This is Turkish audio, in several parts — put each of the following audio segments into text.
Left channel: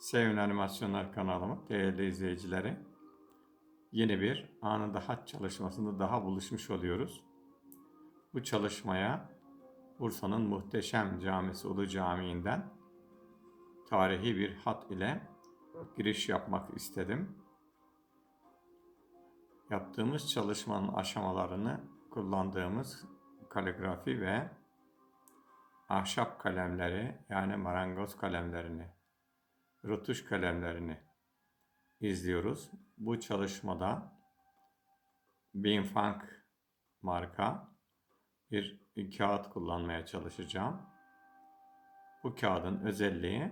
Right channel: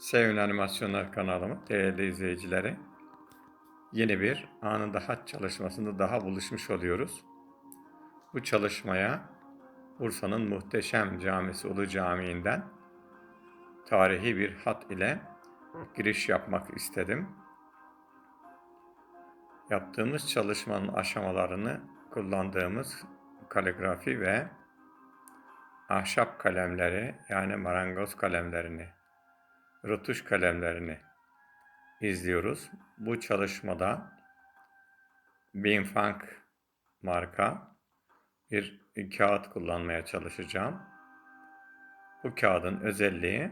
Sevin Animasyonlar kanalımı değerli izleyicileri. Yeni bir anında haç çalışmasında daha buluşmuş oluyoruz. Bu çalışmaya Bursa'nın muhteşem camisi Ulu Camii'nden tarihi bir hat ile giriş yapmak istedim. Yaptığımız çalışmanın aşamalarını kullandığımız kaligrafi ve ahşap kalemleri yani marangoz kalemlerini rötuş kalemlerini izliyoruz. Bu çalışmada Binfang marka bir kağıt kullanmaya çalışacağım. Bu kağıdın özelliği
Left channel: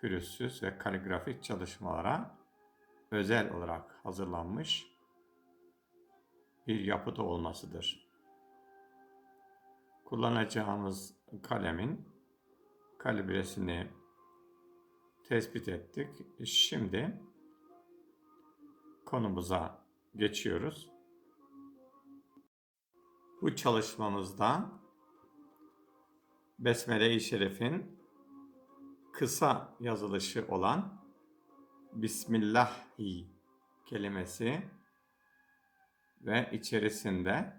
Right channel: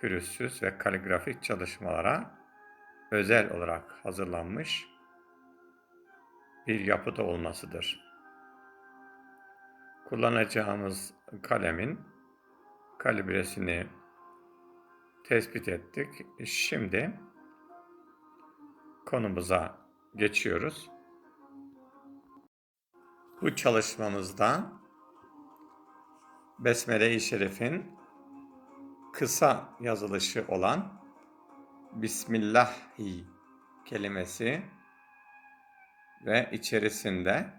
pürüzsüz ve kaligrafik çalışmalara özel olarak hazırlanmış bir yapıda olmasıdır. Kullanacağımız kalemin kalibresini tespit ettik. Şimdi konumuza geçiyoruz. Bu çalışmamızda Besmele-i Şerif'in kısa yazılışı olan Bismillahi kelimesi ve içerisinde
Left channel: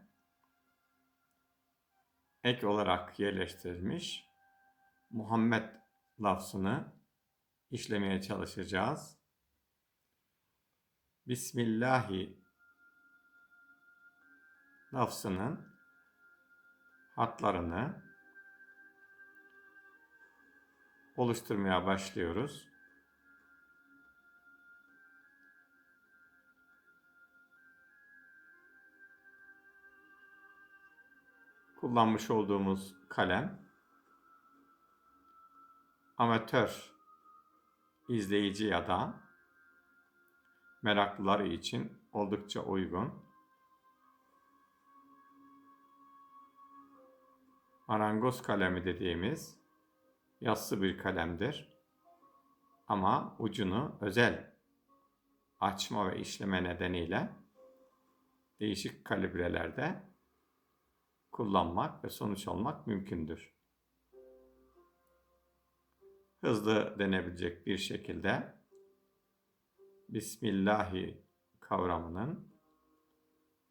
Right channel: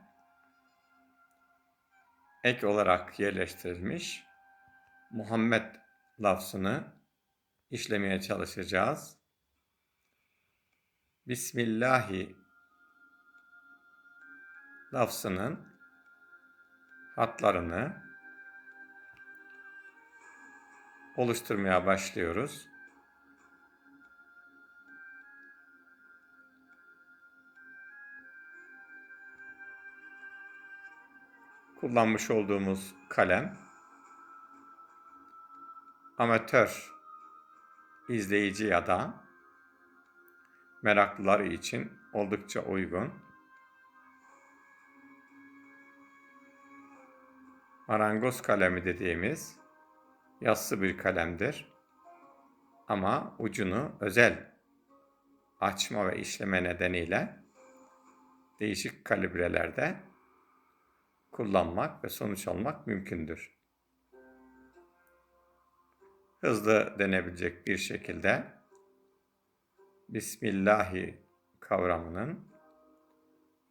ek olarak yerleştirilmiş Muhammed lafzını işlemeye çalışacağız. Bismillahi lafzının hatlarını oluşturmaya başlıyoruz. Kullanmış olduğumuz kalem amatör izleyici ya da meraklılar için oldukça uygun. Marangoz kalemi dediğimiz yassı bir kalemdir. Ama ucunu özel açma ve işleme nedeniyle değişik kalibrelerde kullanmak ve sonuç almak mümkündür. Hızlı denebilecek bir şekilde Bismillahi kavramının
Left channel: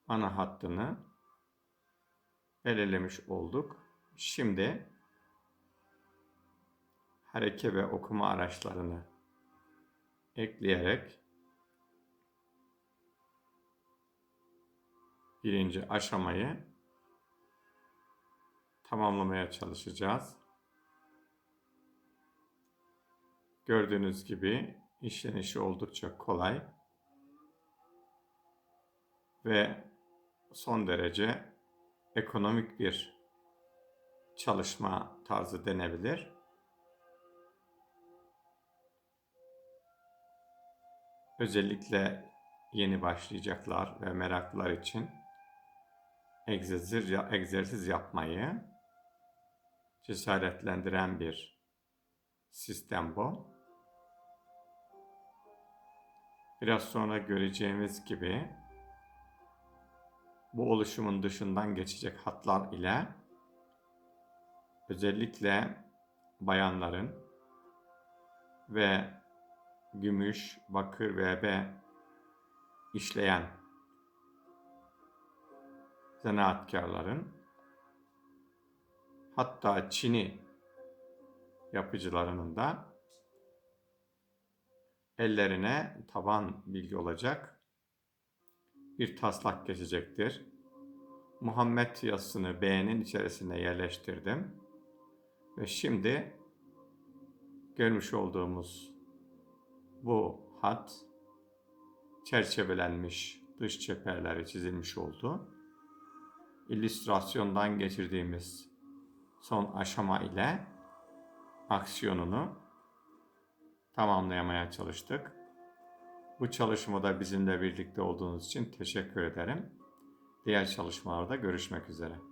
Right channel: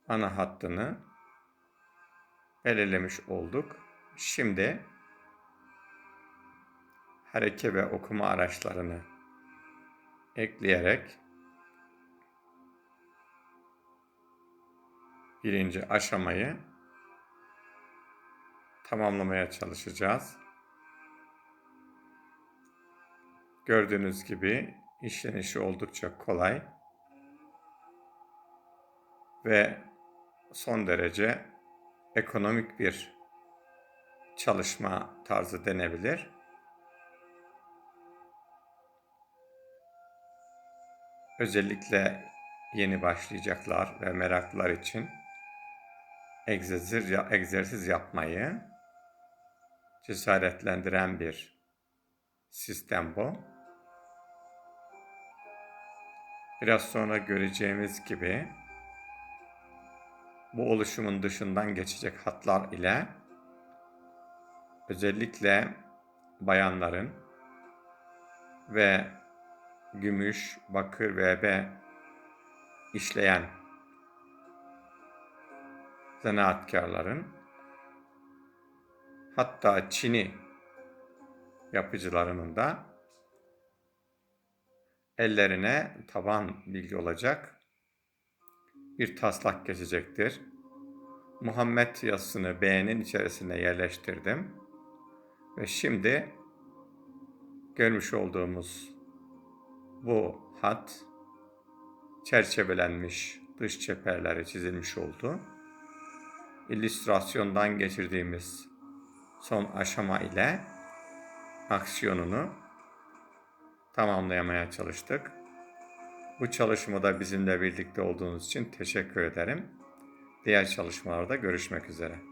ana hattını belirlemiş olduk. Şimdi hareke ve okuma araçlarını ekleyerek birinci aşamayı tamamlamaya çalışacağız. Gördüğünüz gibi işlenişi oldukça kolay ve son derece ekonomik bir çalışma tarzı denebilir. Özellikle yeni başlayacaklar ve meraklılar için egzersiz, egzersiz yapmayı cesaretlendiren bir sistem bu. Biraz sonra göreceğimiz gibi bu oluşumun dışından geçecek hatlar ile özellikle bayanların ve gümüş, bakır ve B işleyen zanaatkarların hatta Çin'i yapıcılarının da ellerine taban bilgi olacak bir taslak geçecektir. Muhammed yazısını B'nin içerisine yerleştirdim. Ve şimdi görmüş olduğumuz bu hat çerçevelenmiş dış çeperleri çizilmiş oldu. İllüstrasyondan geçirdiğimiz son aşama ile aksiyonunu tamamlayamaya çalıştık. Bu çalışmada bizimle birlikte olduğunuz için teşekkür ederim. Diğer çalışmalarda görüşmek üzere.